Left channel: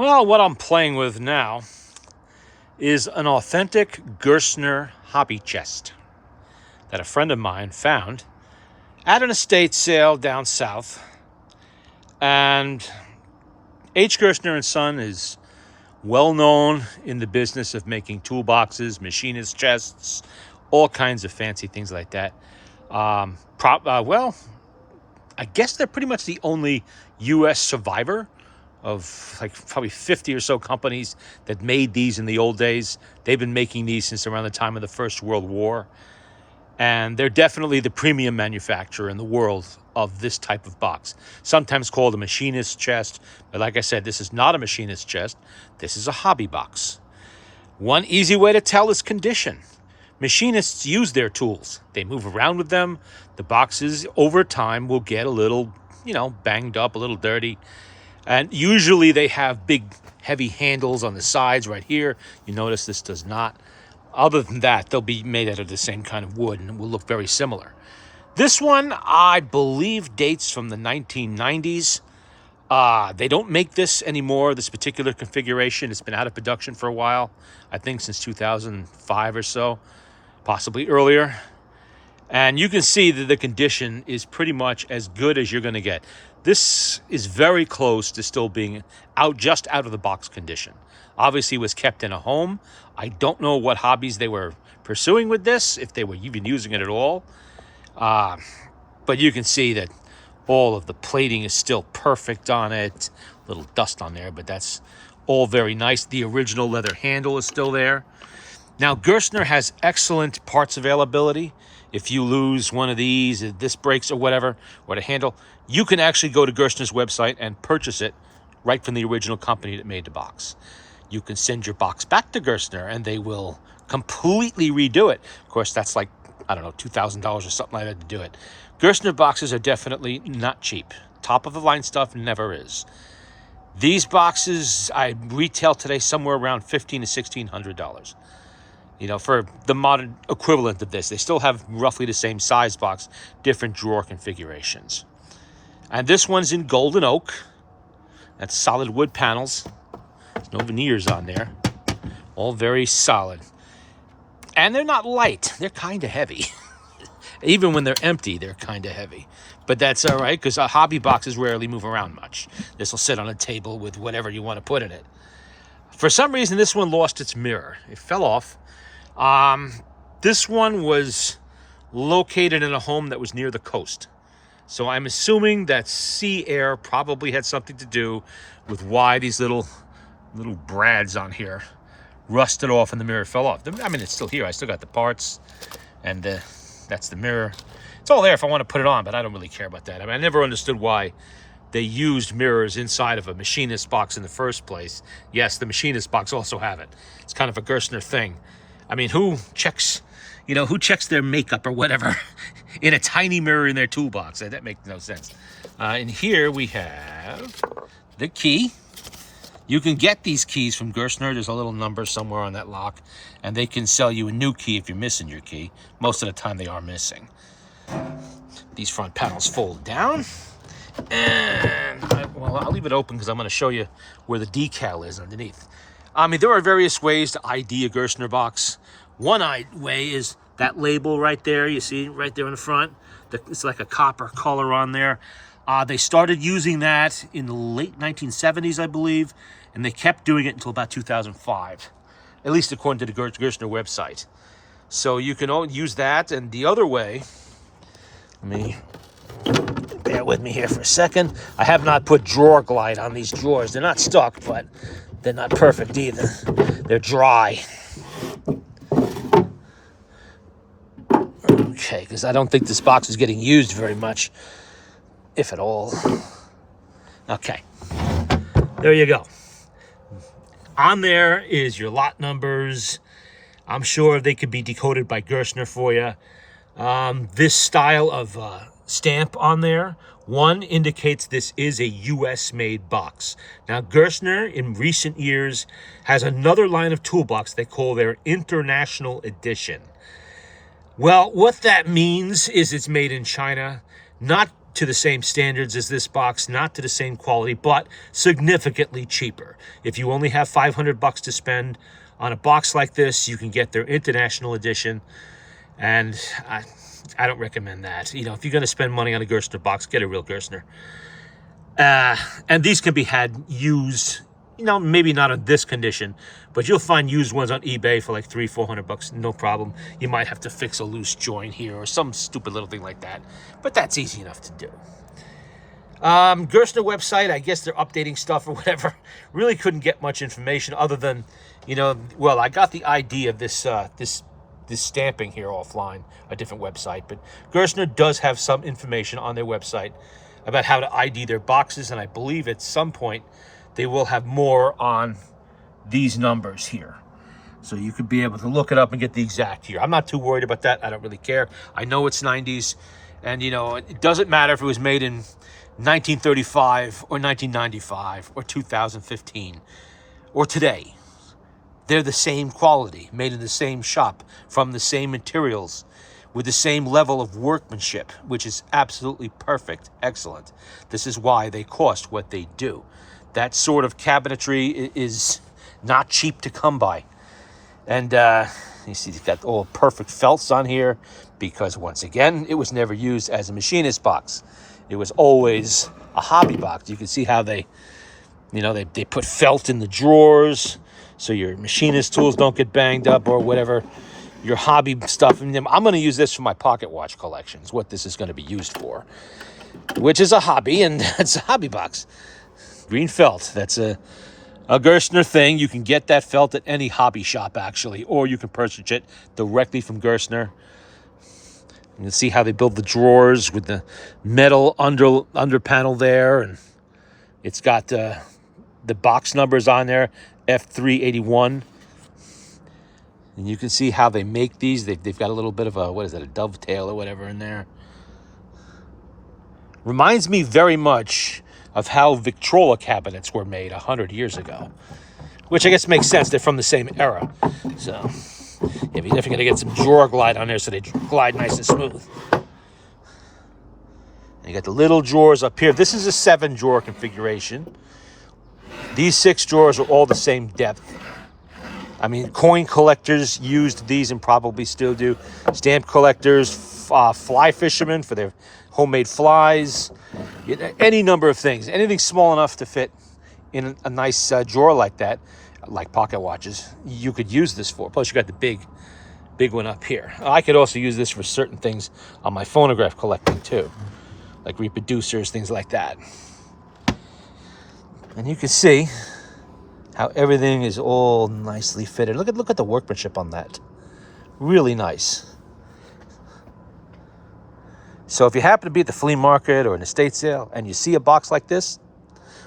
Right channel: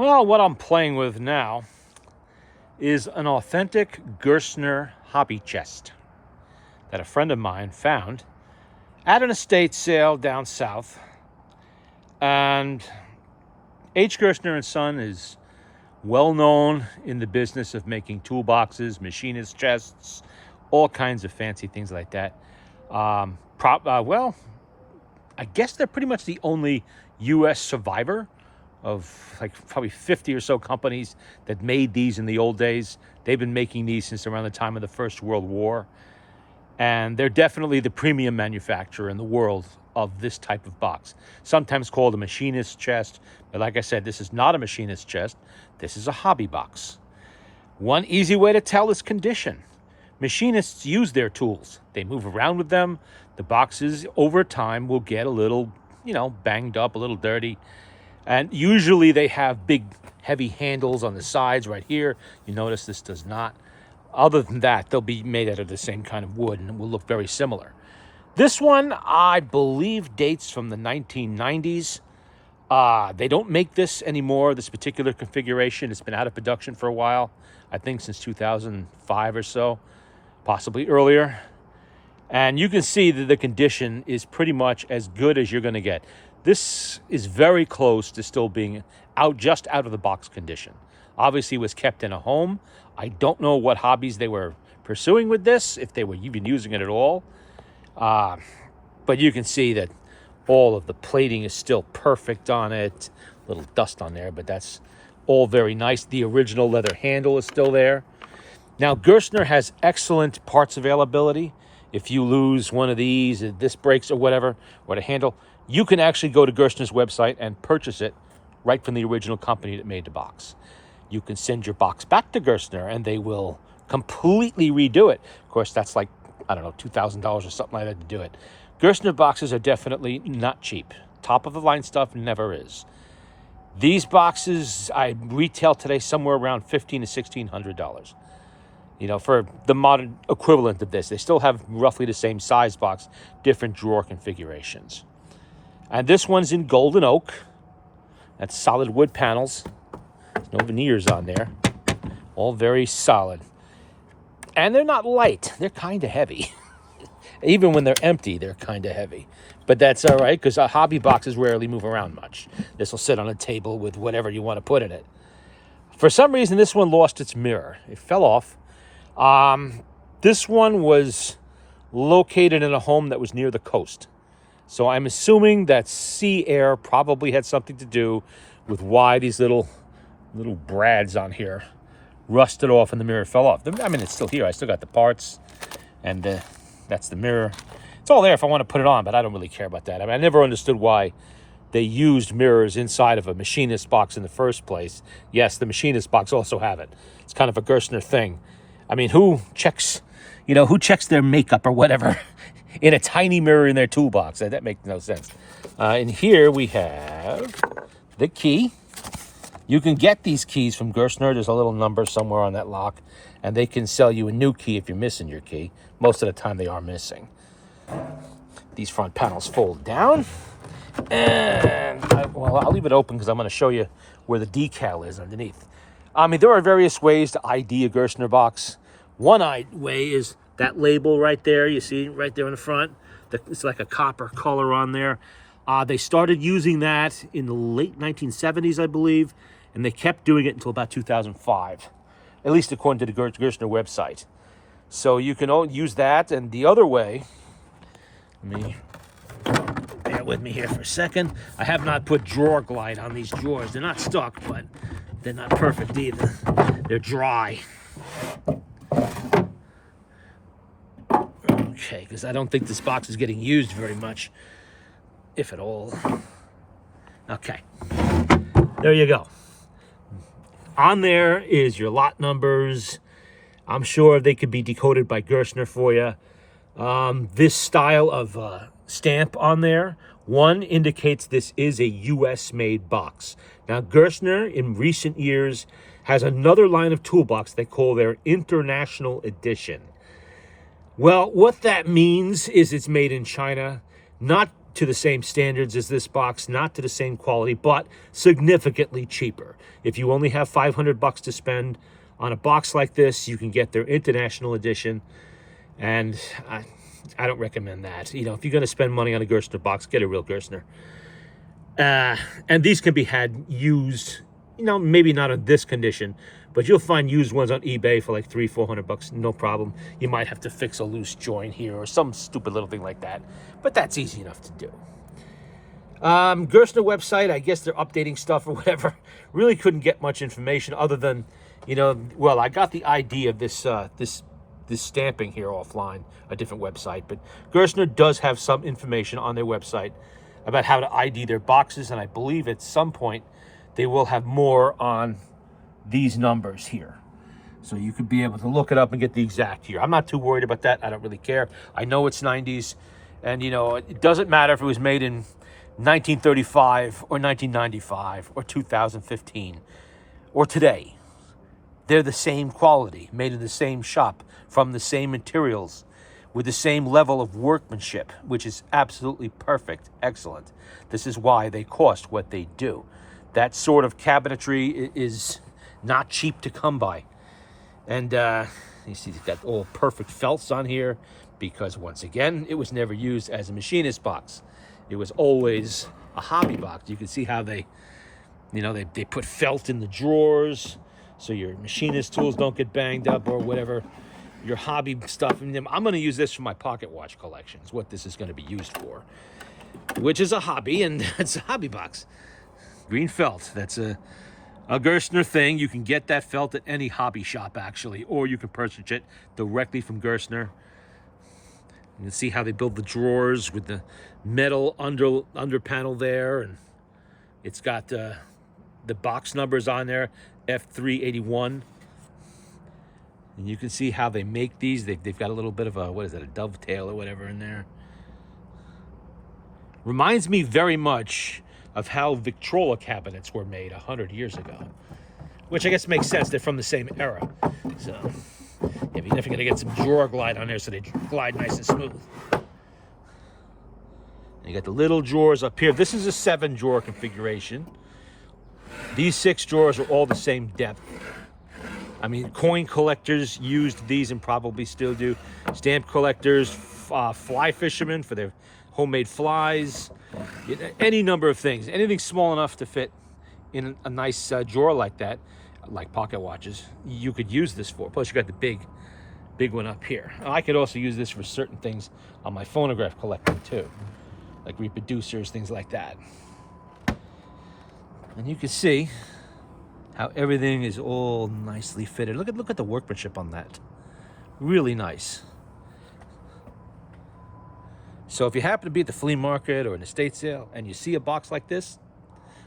Well, what I'm playing with now is an authentic Gerstner hobby chest that a friend of mine found at an estate sale down south. And H. Gerstner Son is well known in the business of making toolboxes, machinist chests, all kinds of fancy things like that. Well, I guess they're pretty much the only U.S. survivor of like probably 50 or so companies that made these in the old days. They've been making these since around the time of the First World War. And they're definitely the premium manufacturer in the world of this type of box. Sometimes called a machinist chest. But like I said, this is not a machinist chest. This is a hobby box. One easy way to tell is condition. Machinists use their tools. They move around with them. The boxes over time will get a little, banged up, a little dirty. And usually they have big, heavy handles on the sides right here. You notice this does not. Other than that, they'll be made out of the same kind of wood and will look very similar. This one, I believe, dates from the 1990s. They don't make this anymore, this particular configuration. It's been out of production for a while, I think since 2005 or so, possibly earlier. And you can see that the condition is pretty much as good as you're going to get. This is very close to still being just out of the box condition. Obviously, it was kept in a home. I don't know what hobbies they were pursuing with this, if they were even using it at all. But you can see that all of the plating is still perfect on it. A little dust on there, but that's all very nice. The original leather handle is still there. Now, Gerstner has excellent parts availability. If you lose one of these, if this breaks or whatever, or the handle, you can actually go to Gerstner's website and purchase it right from the original company that made the box. You can send your box back to Gerstner and they will completely redo it. Of course, that's like, I don't know, $2,000 or something like that to do it. Gerstner boxes are definitely not cheap. Top of the line stuff never is. These boxes I retail today somewhere around $1,500 to $1,600. For the modern equivalent of this. They still have roughly the same size box, different drawer configurations. And this one's in golden oak. That's solid wood panels. There's no veneers on there. All very solid. And they're not light. They're kind of heavy. Even when they're empty, they're kind of heavy. But that's all right, because hobby boxes rarely move around much. This will sit on a table with whatever you want to put in it. For some reason, this one lost its mirror. It fell off. This one was located in a home that was near the coast. So I'm assuming that sea air probably had something to do with why these little brads on here rusted off and the mirror fell off. I mean, it's still here. I still got the parts, and that's the mirror. It's all there if I want to put it on, but I don't really care about that. I mean, I never understood why they used mirrors inside of a machinist box in the first place. Yes, the machinist box also have it. It's kind of a Gerstner thing. I mean, who checks their makeup or whatever in a tiny mirror in their toolbox? That makes no sense. And here we have the key. You can get these keys from Gerstner. There's a little number somewhere on that lock, and they can sell you a new key if you're missing your key. Most of the time they are missing. These front panels fold down. And I'll leave it open because I'm going to show you where the decal is underneath. I mean, there are various ways to ID a Gerstner box. One way is that label right there. You see right there in the front. It's like a copper color on there. They started using that in the late 1970s, I believe, and they kept doing it until about 2005, at least according to the Gerstner website. So you can use that. And the other way, bear with me here for a second. I have not put drawer glide on these drawers. They're not stuck, but they're not perfect either. They're dry. Okay, because I don't think this box is getting used very much, if at all. Okay, there you go. On there is your lot numbers. I'm sure they could be decoded by Gerstner for you. This style of stamp on there, one indicates this is a U.S.-made box. Now, Gerstner, in recent years, has another line of toolbox they call their International Edition. Well, what that means is it's made in China, not to the same standards as this box, not to the same quality, but significantly cheaper. If you only have $500 to spend on a box like this, you can get their international edition, and I don't recommend that. You know, if you're going to spend money on a Gerstner box, get a real Gerstner. And these can be had used, you know, maybe not in this condition, but you'll find used ones on eBay for like $300-400, no problem. You might have to fix a loose joint here or some stupid little thing like that, but that's easy enough to do. Gerstner website, I guess they're updating stuff or whatever. Really couldn't get much information other than, you know, well, I got the ID of this stamping here offline, a different website, but Gerstner does have some information on their website about how to ID their boxes, and I believe at some point they will have more on these numbers here. So you could be able to look it up and get the exact year. I'm not too worried about that. I don't really care. I know it's 90s, and, you know, it doesn't matter if it was made in 1935 or 1995 or 2015 or today. They're the same quality, made in the same shop, from the same materials, with the same level of workmanship, which is absolutely perfect, excellent. This is why they cost what they do. That sort of cabinetry is not cheap to come by. And you see, it's got all perfect felts on here because, once again, it was never used as a machinist box. It was always a hobby box. You can see how they, you know, they put felt in the drawers so your machinist tools don't get banged up or whatever. Your hobby stuff. And I'm going to use this for my pocket watch collection, is what this is going to be used for, which is a hobby, and it's a hobby box. Green felt. That's a Gerstner thing. You can get that felt at any hobby shop, actually, or you can purchase it directly from Gerstner. You can see how they build the drawers with the metal under panel there, and it's got the box numbers on there, F381. And you can see how they make these. They've got a little bit of a, what is that, a dovetail or whatever in there. Reminds me very much of how Victrola cabinets were made 100 years ago, which I guess makes sense. They're from the same era. So you're definitely going to get some drawer glide on there so they glide nice and smooth. And you got the little drawers up here. This is a 7-drawer configuration. These 6 drawers are all the same depth. I mean, coin collectors used these and probably still do. Stamp collectors, fly fishermen for their homemade flies, any number of things. Anything small enough to fit in a nice drawer like that, like pocket watches, you could use this for. Plus, you got the big one up here. I could also use this for certain things on my phonograph collecting too, like reproducers, things like that. And you can see how everything is all nicely fitted. Look at the workmanship on that. Really nice. So if you happen to be at the flea market or an estate sale and you see a box like this,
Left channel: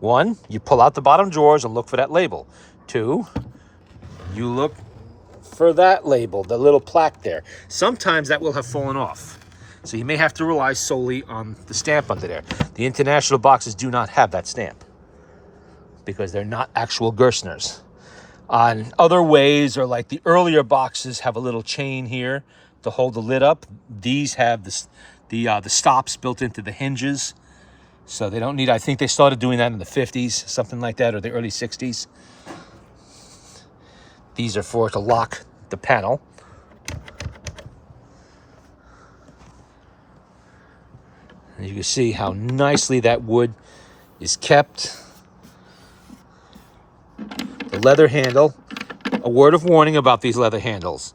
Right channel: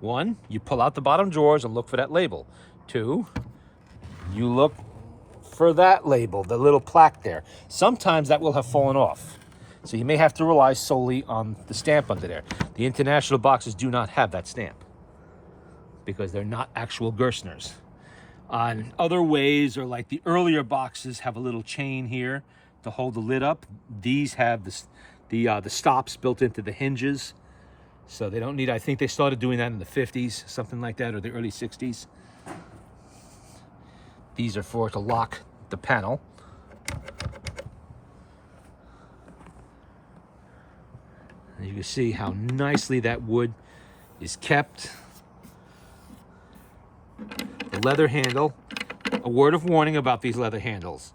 1, you pull out the bottom drawers and look for that label. 2, you look for that label, the little plaque there. Sometimes that will have fallen off, so you may have to rely solely on the stamp under there. The international boxes do not have that stamp because they're not actual Gerstners. On other ways, or like the earlier boxes have a little chain here to hold the lid up. These have the stops built into the hinges, so they don't need. I think they started doing that in the 50s, something like that, or the early 60s. These are for to lock the panel. And you can see how nicely that wood is kept. The leather handle. A word of warning about these leather handles.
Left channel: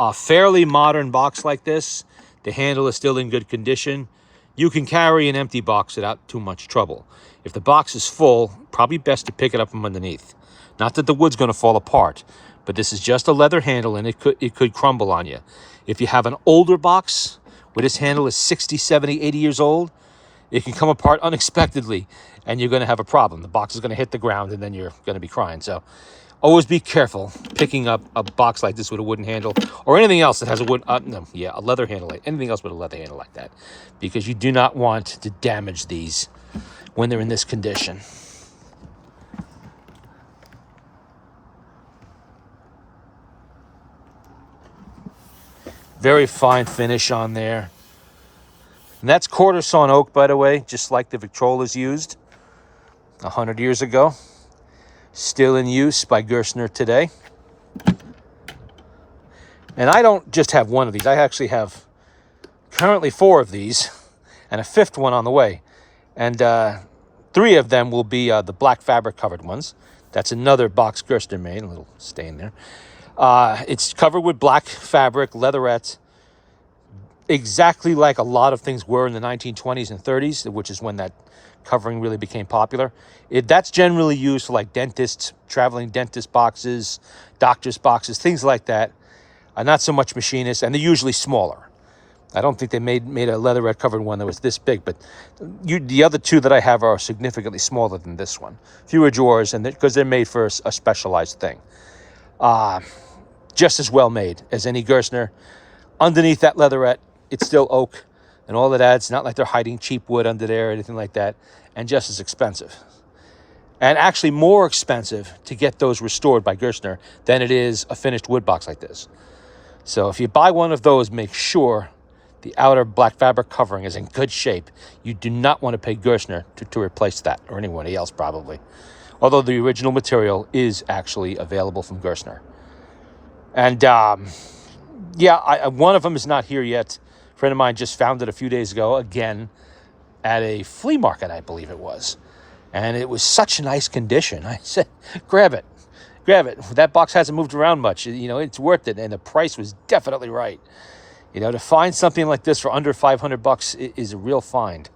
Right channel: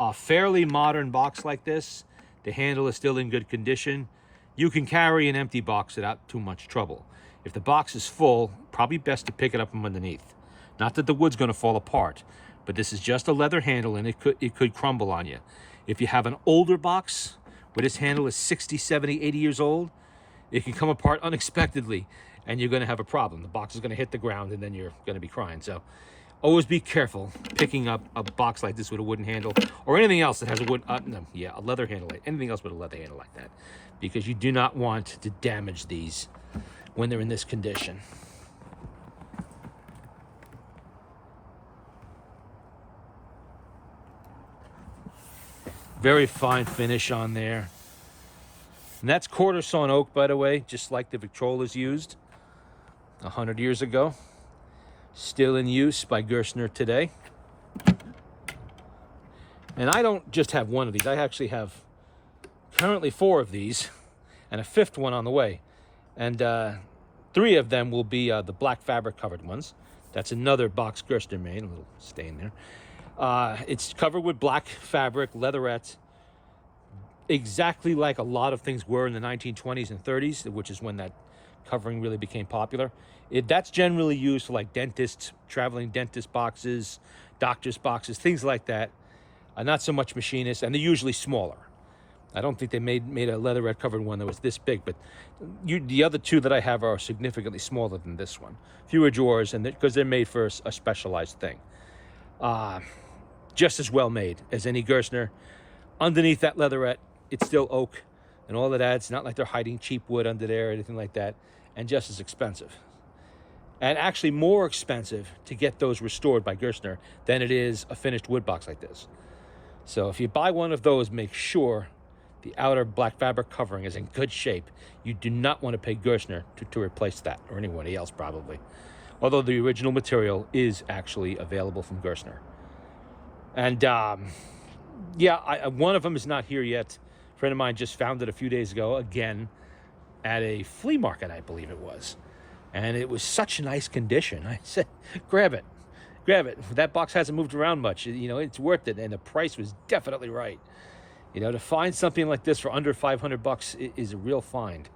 A fairly modern box like this, the handle is still in good condition. You can carry an empty box without too much trouble. If the box is full, probably best to pick it up from underneath. Not that the wood's going to fall apart, but this is just a leather handle and it could crumble on you. If you have an older box where this handle is 60, 70, 80 years old, it can come apart unexpectedly and you're going to have a problem. The box is going to hit the ground and then you're going to be crying. So always be careful picking up a box like this with a wooden handle or anything else that has a a leather handle, anything else with a leather handle like that, because you do not want to damage these when they're in this condition. Very fine finish on there. And that's quarter sawn oak, by the way, just like the Victrolas used 100 years ago. Still in use by Gerstner today. And I don't just have one of these. I actually have currently 4 of these and a 5th one on the way. And 3 of them will be the black fabric covered ones. That's another box Gerstner made, a little stain there. It's covered with black fabric, leatherette, exactly like a lot of things were in the 1920s and 30s, which is when that covering really became popular. That's generally used for like dentists, traveling dentist boxes, doctor's boxes, things like that. Not so much machinists, and they're usually smaller. I don't think they made a leatherette covered one that was this big, but the other 2 that I have are significantly smaller than this one. Fewer drawers, and because they're made for a specialized thing. Just as well made as any Gerstner. Underneath that leatherette, it's still oak, and all of that. It's not like they're hiding cheap wood under there or anything like that, and just as expensive. And actually more expensive to get those restored by Gerstner than it is a finished wood box like this. So if you buy one of those, make sure the outer black fabric covering is in good shape. You do not want to pay Gerstner to replace that, or anybody else probably. Although the original material is actually available from Gerstner. And yeah, one of them is not here yet. A friend of mine just found it a few days ago, again, at a flea market, I believe it was. And it was such nice condition. I said, grab it. Grab it. That box hasn't moved around much. You know, it's worth it. And the price was definitely right. You know, to find something like this for under $500 is a real find.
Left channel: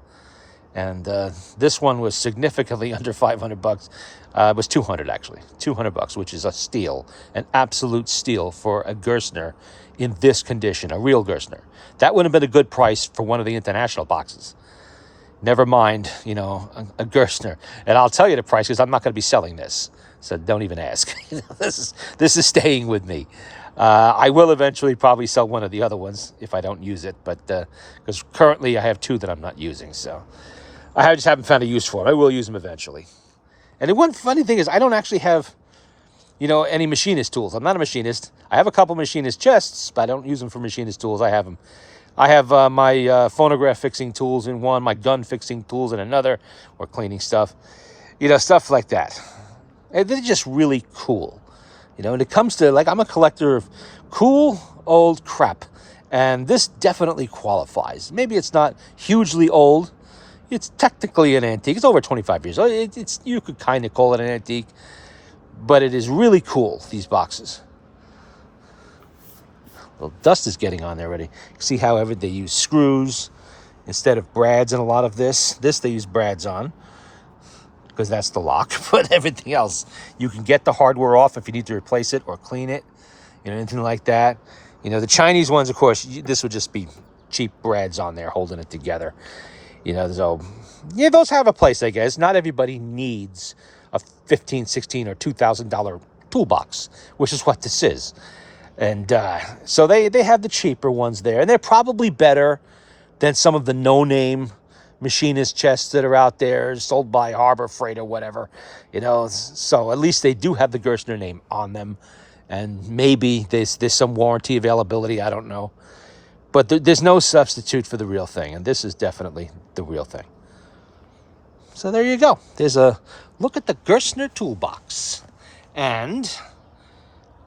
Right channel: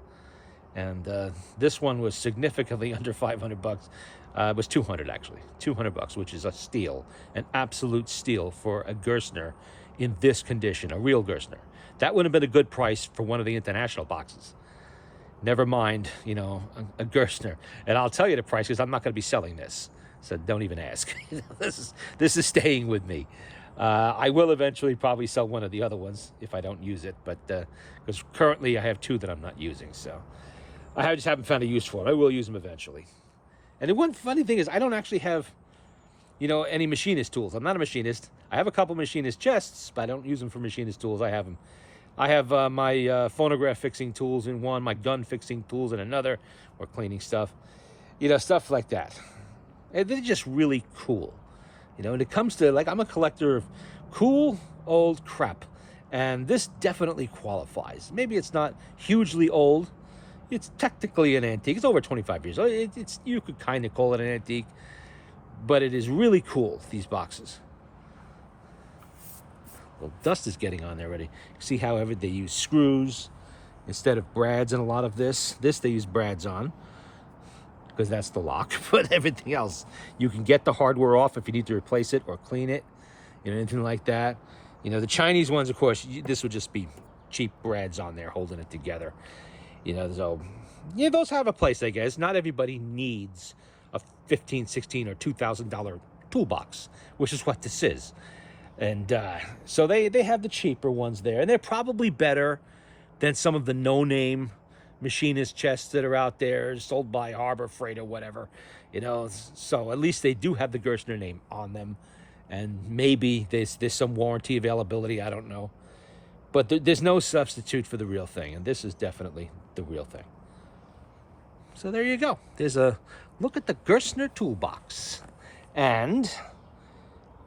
And this one was significantly under $500. It was $200 actually, $200, which is a steal, an absolute steal for a Gerstner in this condition, a real Gerstner. That would have been a good price for one of the international boxes. Never mind, you know, a Gerstner. And I'll tell you the price because I'm not going to be selling this, so don't even ask. This is staying with me. I will eventually probably sell one of the other ones if I don't use it, but because currently I have 2 that I'm not using, so I just haven't found a use for them. I will use them eventually. And the one funny thing is I don't actually have, you know, any machinist tools. I'm not a machinist. I have a couple machinist chests, but I don't use them for machinist tools. I have them. I have my phonograph fixing tools in one, my gun fixing tools in another, or cleaning stuff, you know, stuff like that. And they're just really cool. You know, and it comes to, like, I'm a collector of cool old crap, and this definitely qualifies. Maybe it's not hugely old. It's technically an antique. It's over 25 years old. You could kind of call it an antique, but it is really cool, these boxes. Well, dust is getting on there already. See how they use screws instead of brads in a lot of this. This they use brads on because that's the lock, but everything else, you can get the hardware off if you need to replace it or clean it, you know, anything like that. You know, the Chinese ones, of course, this would just be cheap brads on there holding it together. You know, so, yeah, those have a place, I guess. Not everybody needs a $15, $16, or $2,000 toolbox, which is what this is. And so they have the cheaper ones there. And they're probably better than some of the no-name machinist chests that are out there sold by Harbor Freight or whatever. You know, so at least they do have the Gerstner name on them. And maybe there's some warranty availability. I don't know. But there's no substitute for the real thing. And this is definitely the real thing. So there you go. There's a look at the Gerstner toolbox. And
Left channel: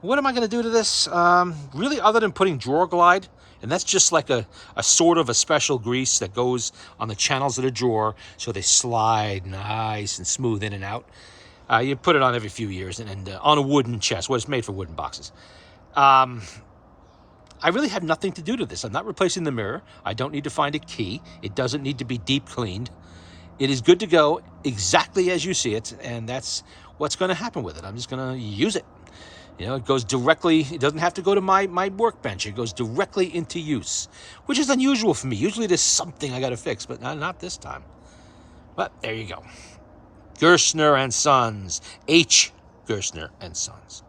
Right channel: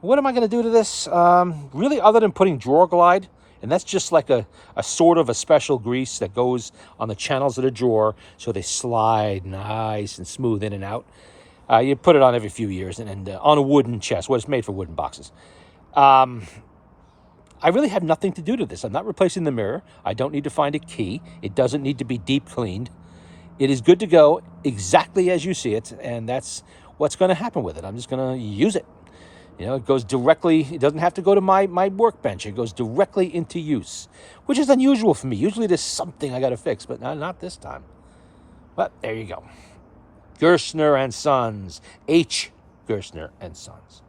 what am I going to do to this? Really, other than putting drawer glide, and that's just like a sort of a special grease that goes on the channels of the drawer so they slide nice and smooth in and out. You put it on every few years and on a wooden chest. Well, it's made for wooden boxes. I really have nothing to do to this. I'm not replacing the mirror. I don't need to find a key. It doesn't need to be deep cleaned. It is good to go exactly as you see it, and that's what's going to happen with it. I'm just going to use it. You know, it goes directly, it doesn't have to go to my workbench. It goes directly into use, which is unusual for me. Usually there's something I got to fix, but not this time. But there you go. Gerstner and Sons. H. Gerstner and Sons.